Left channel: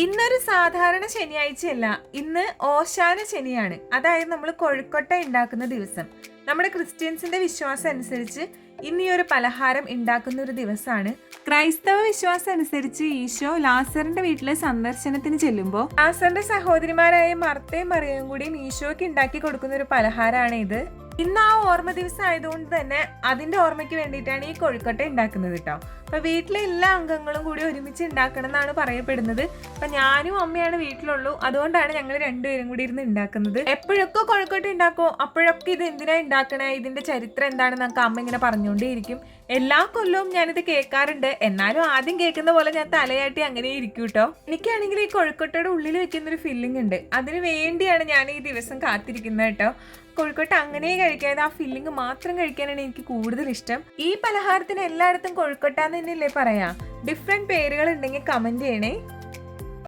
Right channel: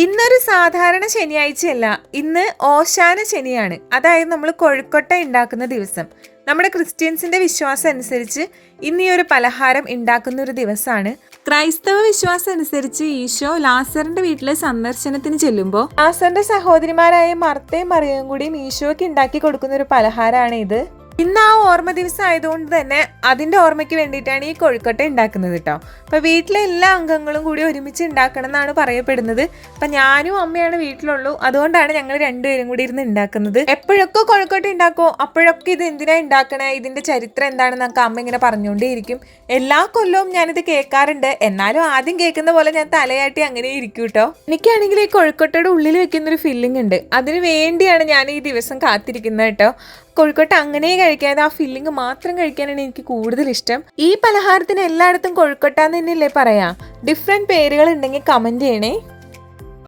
ഇന്നൊരു സാധാരണ ശനിയാഴ്ചയല്ല, ഇന്ന് ഓശാന ശനിയാണ്. അതായത് നമ്മൾ കൊഴുക്കട്ട ഉണ്ടാക്കുന്ന ദിവസം. നമ്മുടെ ക്രിസ്ത്യൻസിന്റെ വിശ്വാസം അനുസരിച്ച് ഇന്ന് ഈ ഒരു പലഹാരം ഉണ്ടാക്കുന്ന ഒരു ദിവസമാണ്. ക്രൈസ്തവ വിശ്വാസം അനുസരിച്ച് ഈശോ ലാസറിന്റെ വീട്ടിലെ സന്ദർശനത്തിന് ചെല്ലുമ്പോൾ ലാസറിന്റെ സഹോദരിമാരായ മർത്തയും മറിയവും കൂടിയും ഈശോയ്ക്ക് ഉണ്ടാക്കി കൊടുക്കുന്ന ഒരു പലഹാരമാണ് ഇത്. ഇന്ന് ആ ഓർമ്മ ദിവസം ആയതുകൊണ്ട് തന്നെ അതിന്റെ ഓർമ്മയ്ക്ക് വേണ്ടിയിട്ടാണ് ഈ കൊഴുക്കട്ട ഉണ്ടാക്കുന്നത് കേട്ടോ. അപ്പൊ വീട്ടിലെ എല്ലാ അംഗങ്ങളും കൂടി ഒരുമിച്ച് ഉണ്ടാക്കണം എന്നാണ് പറയപ്പെടുന്നത്. അപ്പൊ ഞാനും അമ്മയാണ് വീട്ടിലുള്ളൂ, അതുകൊണ്ടാണ് ഞങ്ങൾ രണ്ടുപേരും കൂടി ഇരുന്ന് ഉണ്ടാക്കുന്നത്. എപ്പോഴൊക്കെ കൊഴുക്കട്ട ഉണ്ടാക്കോ അപ്പോഴൊക്കെ ഇത് എന്തിനാ ഉണ്ടാക്കണേ, ഇതിന്റെ ചരിത്രം എന്താണെന്നൊക്കെ അമ്മ ഇങ്ങനെ പറഞ്ഞുകൊണ്ടേയിരിക്കും. എല്ലാ കൊല്ലവും ഞാനിത് കേൾക്കാറുണ്ട്. എന്നാലും ആദ്യം കേൾക്കുന്ന പോലെ ഞാൻ തലയാട്ടി അങ്ങനെ ഇരിക്കും കേട്ടോ. എനിക്കാണെങ്കിൽ ഈ കൊഴുക്കട്ടയുടെ ഉള്ളിൽ വെക്കുന്നൊരു ഫില്ലിംഗ് ഉണ്ട്, അതിന് വേണ്ടിയാണ് ഞാൻ ഈ ദിവസം കാത്തിരിക്കുന്നത് കേട്ടോ. കൊഴുക്കട്ട അങ്ങനെ കഴിക്കാതെ ആ ഫില്ലിങ് മാത്രം കഴിക്കാനാണ് എനിക്ക് കൂടുതൽ ഇഷ്ടം. ഈ പലഹാരത്തിന് എല്ലായിടത്തും കൊഴുക്കട്ട എന്ന് തന്നെയല്ലേ പറയാ. ഡിഫറെന്റ് പേരുകൾ ഉണ്ടെങ്കിൽ കമന്റ് ചെയ്യണേ.